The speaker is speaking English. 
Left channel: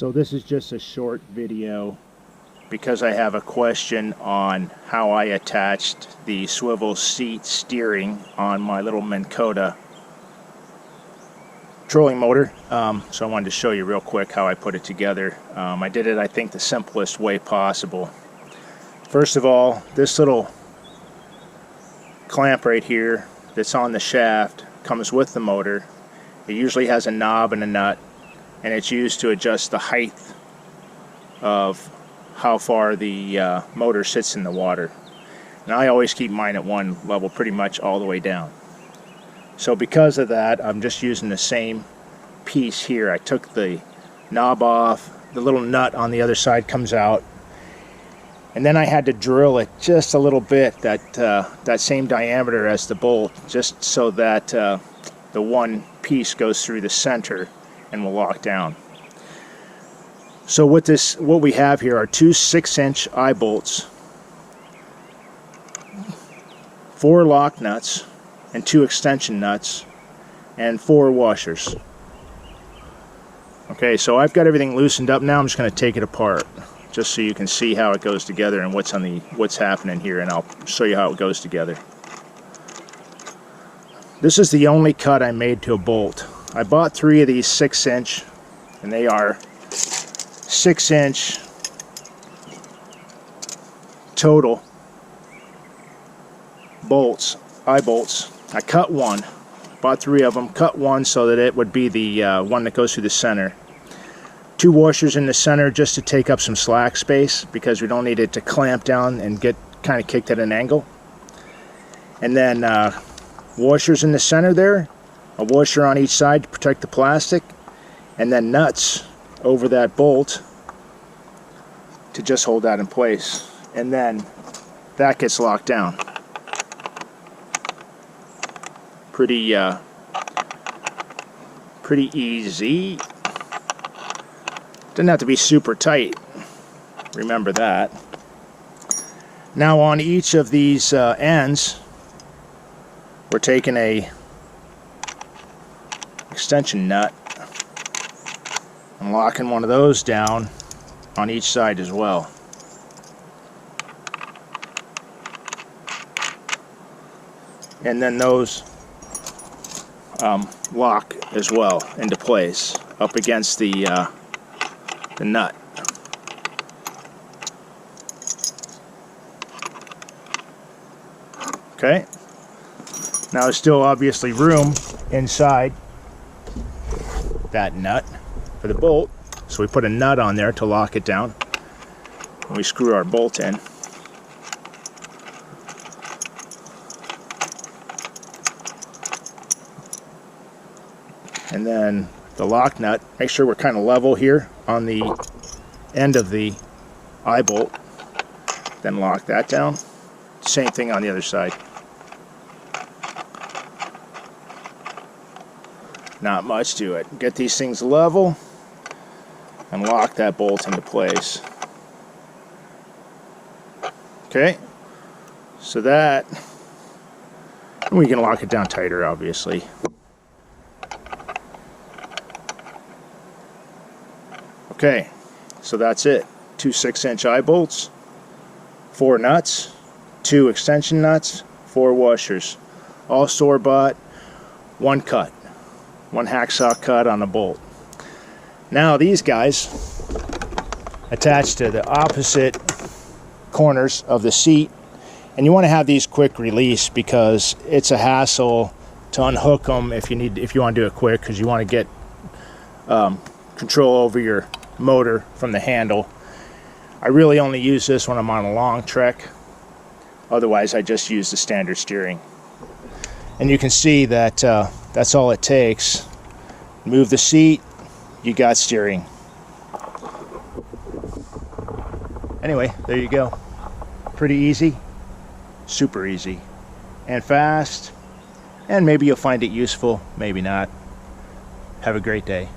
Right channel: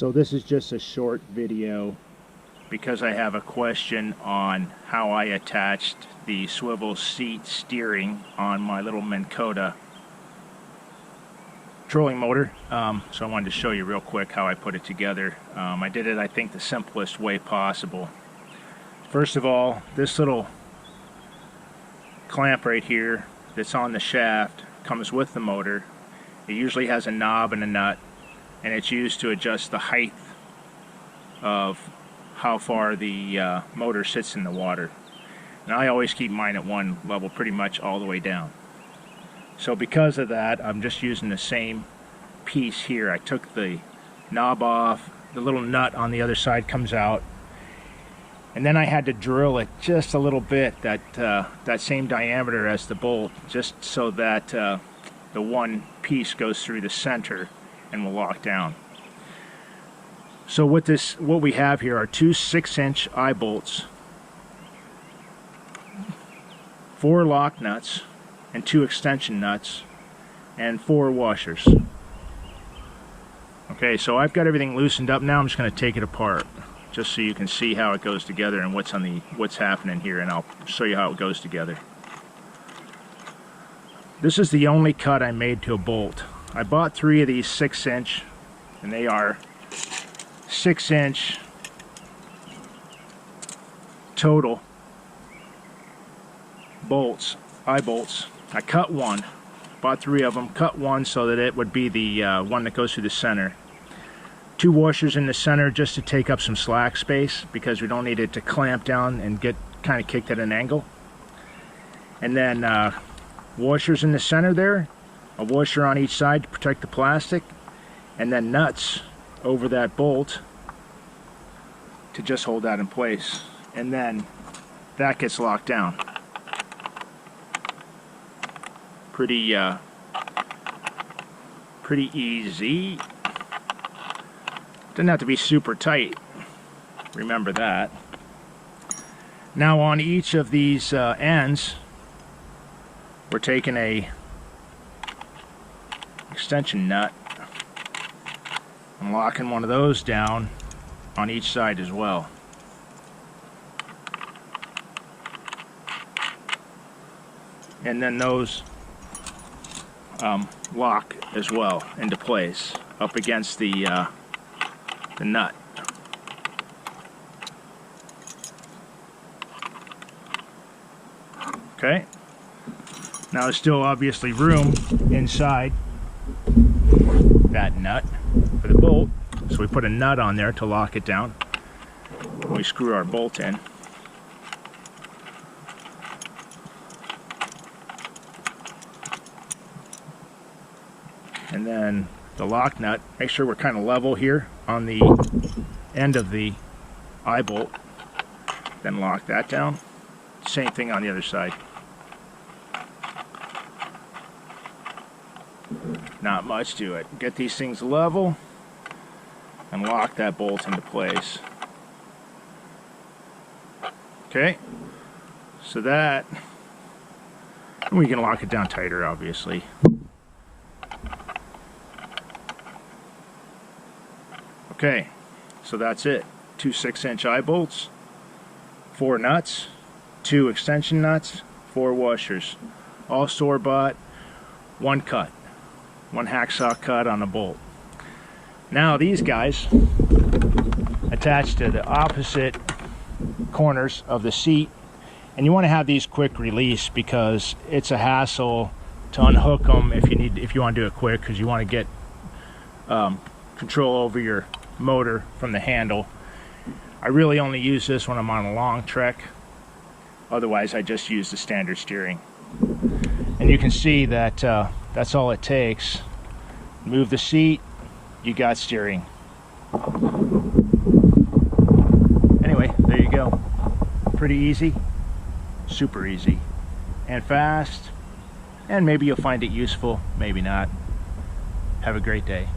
So this is just a short video because I have a question on how I attached the swivel seat steering on my little Minn Kota trolling motor. So I wanted to show you real quick how I put it together. I did it, I think, the simplest way possible. First of all, this little clamp right here that's on the shaft comes with the motor. It usually has a knob and a nut, and it's used to adjust the height of how far the motor sits in the water. And I always keep mine at one level pretty much all the way down. So because of that, I'm just using the same piece here. I took the knob off, the little nut on the other side comes out, and then I had to drill it just a little bit, that same diameter as the bolt, just so that the one piece goes through the center and will lock down. So what we have here are two 6-inch eye bolts, 4 lock nuts and 2 extension nuts, and 4 washers. Okay, so I've got everything loosened up now. I'm just going to take it apart just so you can see how it goes together and what's happening here, and I'll show you how it goes together. This is the only cut I made to a bolt. I bought 3 of these 6-inch, and they are 6-inch total bolts, eye bolts. I cut one, bought 3 of them, cut one so that it would be the one that goes through the center. 2 washers in the center just to take up some slack space because we don't need it to clamp down and get kind of kicked at an angle. And then washers in the center there, a washer on each side to protect the plastic, and then nuts over that bolt to just hold that in place. And then that gets locked down. Pretty easy. Doesn't have to be super tight. Remember that. Now on each of these ends, we're taking a extension nut and locking one of those down on each side as well. And then those lock as well into place up against the nut. Okay. Now there's still obviously room inside that nut for the bolt, so we put a nut on there to lock it down, and we screw our bolt in. And then the lock nut, make sure we're kind of level here on the end of the eye bolt, then lock that down. Same thing on the other side. Not much to it. Get these things level and lock that bolt into place. Okay, so that, we can lock it down tighter obviously. Okay, so that's it. 2 6-inch eye bolts, 4 nuts, 2 extension nuts, 4 washers, all store-bought, 1 cut, 1 hacksaw cut on a bolt. Now these guys attach to the opposite corners of the seat, and you want to have these quick release because it's a hassle to unhook them if you want to do it quick, because you want to get control over your motor from the handle. I really only use this when I'm on a long trek. Otherwise I just use the standard steering. And you can see that that's all it takes. Move the seat, you got steering. Anyway, there you go. Pretty easy, super easy, and fast, and maybe you'll find it useful, maybe not. Have a great day.